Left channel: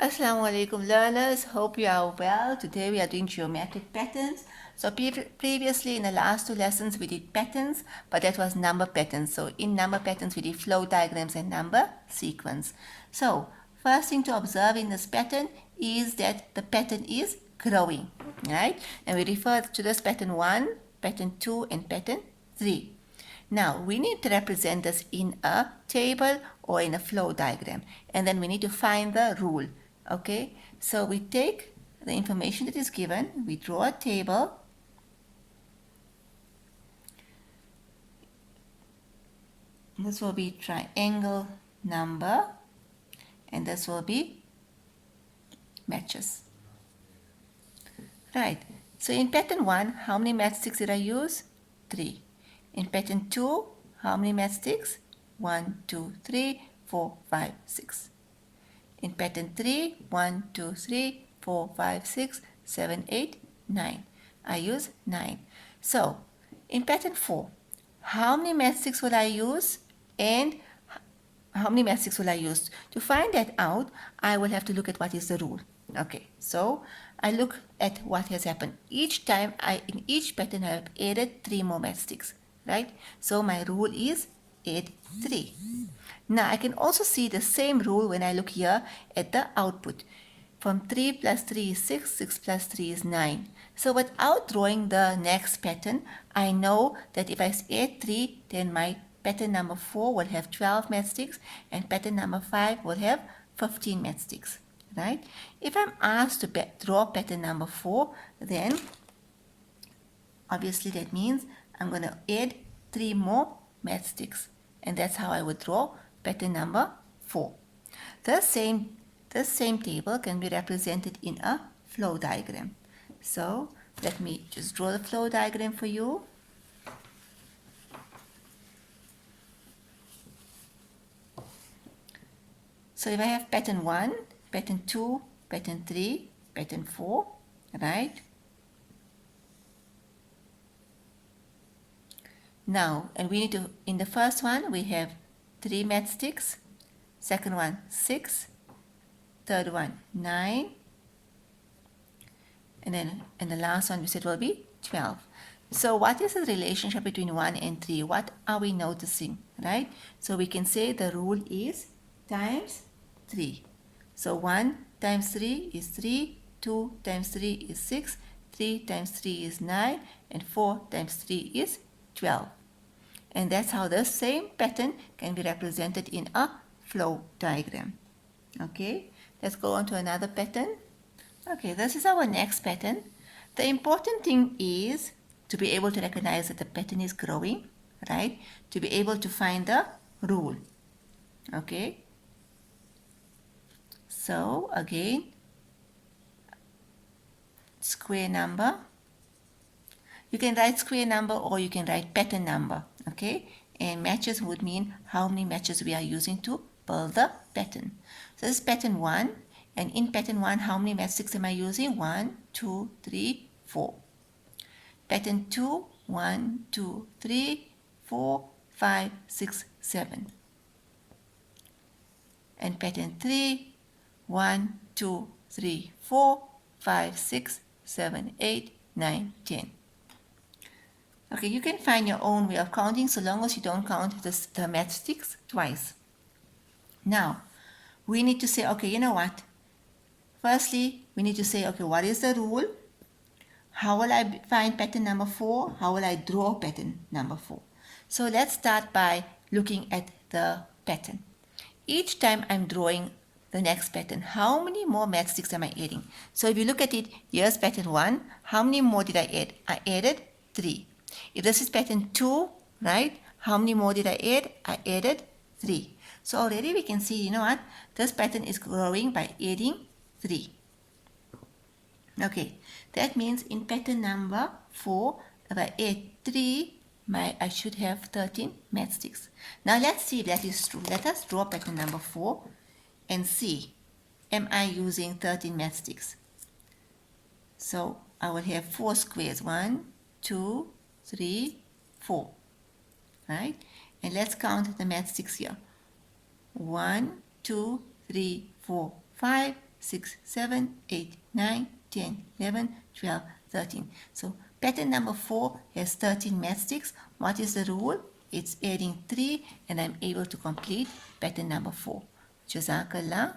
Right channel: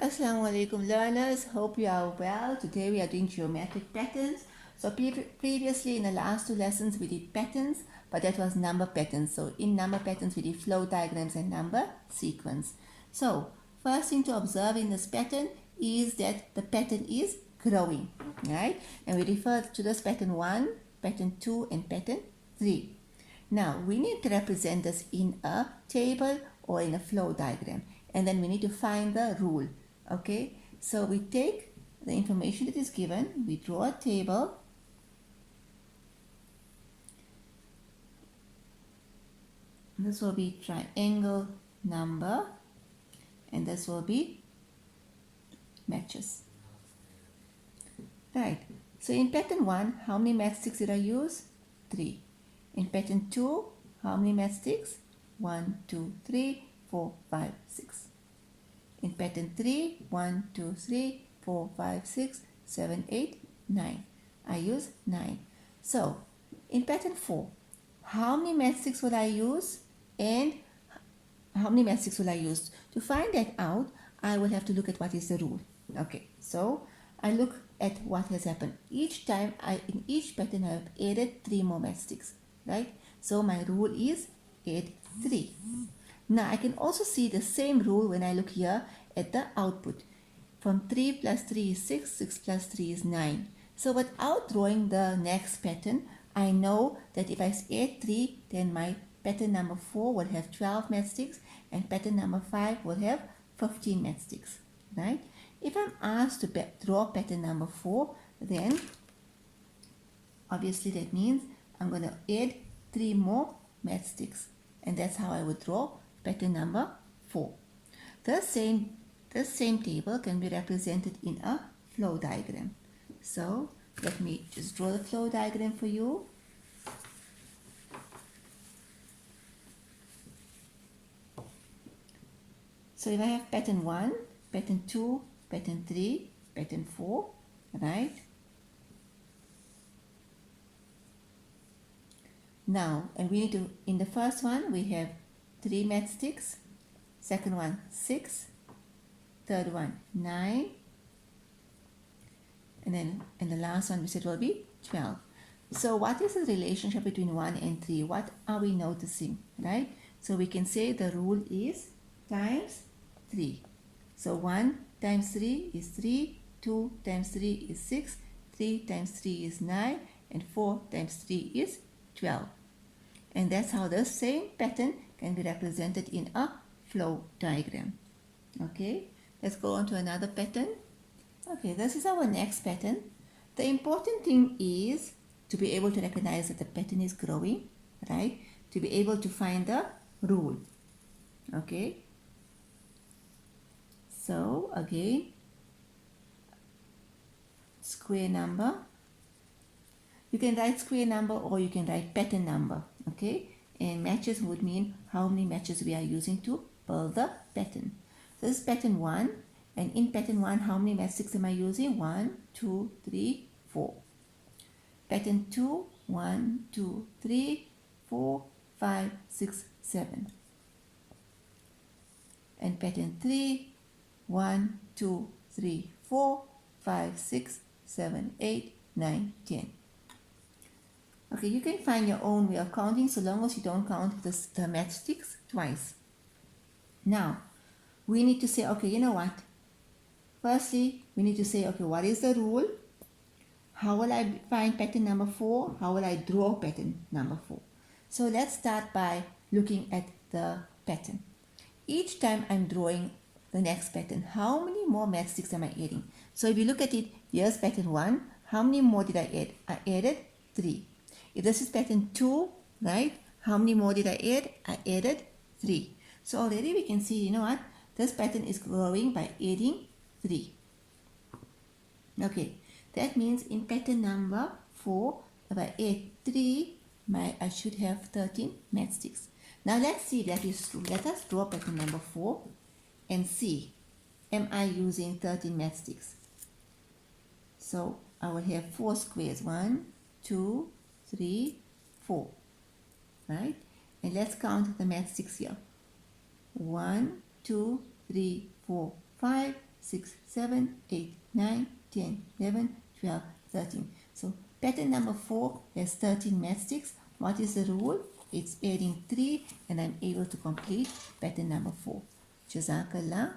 Assalamu alaikum learners, hope you are well. Today we are doing geometric patterns. So previously in the last two lessons we did patterns, but that was number patterns. So in number patterns we did flow diagrams and number sequence. So first thing to observe in this pattern is that the pattern is growing, right? And we refer to this pattern 1, pattern 2 and pattern 3. Now we need to represent this in a table or in a flow diagram, and then we need to find the rule. Okay, so we take the information that is given, we draw a table, this will be triangle number, and this will be matches. Right, so in pattern 1, how many matchsticks did I use? 3. In pattern 2, how many matchsticks? 1, 2, 3, 4, 5, 6. In pattern 3, 1, 2, 3, 4, 5, 6, 7, 8, 9. I use 9. So, in pattern 4, how many matchsticks will I use and how many matchsticks will I use? To find that out, I will have to look at what is the rule. Okay, so I look at what has happened. Each time, in each pattern, I have added 3 more matchsticks, right? So my rule is add 3. Now I can also see the same rule when I look here at the output. From 3 plus 3 is 6, 6 plus 3 is 9. So without drawing the next pattern, I know that if I add 3, then my pattern number 4 will have 12 matchsticks and pattern number 5 will have 15 matchsticks, right? If I'm asked to draw pattern number 4, then obviously that means I'm going to add 3 more matchsticks, and that's how I would draw pattern number 4. The same table can be represented in a flow diagram. So let me just draw the flow diagram for you. So if I have pattern 1, pattern 2, pattern 3, pattern 4, right? Now, and we need to, in the first one, we have 3 matchsticks, second one 6, third one 9, and then the last one we said will be 12. So what is the relationship between 1 and 3? What are we noticing, right? So we can say the rule is times 3. So 1 times 3 is 3, 2 times 3 is 6, 3 times 3 is 9, and 4 times 3 is 12. And that's how the same pattern can be represented in a flow diagram. Okay, let's go on to another pattern. Okay, this is our next pattern. The important thing is to be able to recognize that the pattern is growing, right? To be able to find the rule. Okay, so again, square number. You can write square number or you can write pattern number, okay? And matches would mean how many matches we are using to build the pattern. So this is pattern 1, and in pattern 1, how many matchsticks am I using? 1, 2, 3, 4. Pattern 2, 1, 2, 3, 4, 5, 6, 7. And pattern 3, 1, 2, 3, 4, 5, 6, 7, 8, 9, 10. Okay, you can find your own way of counting so long as you don't count the matchsticks twice. Now, we need to say, okay, you know what? Firstly, we need to say, okay, what is the rule? How will I find pattern number 4? How will I draw pattern number 4? So let's start by looking at the pattern. Each time I'm drawing the next pattern, how many more matchsticks am I adding? So if you look at it, here's pattern 1. How many more did I add? I added 3. If this is pattern 2, right, how many more did I add? I added 3. So already we can see, you know what, this pattern is growing by adding 3. Okay, that means in pattern number 4, if I add 3, I should have 13 matchsticks. Now let's see if that is true. Let us draw pattern number 4 and see, am I using 13 matchsticks? So I will have 4 squares, 1, 2, 3, 4, right? And let's count the matchsticks here. 1, 2, 3, 4, 5, 6, 7, 8, 9, 10, 11, 12, 13. So pattern number 4 has 13 matchsticks. What is the rule? It's adding 3 and I'm able to complete pattern number 4. Jazakallah.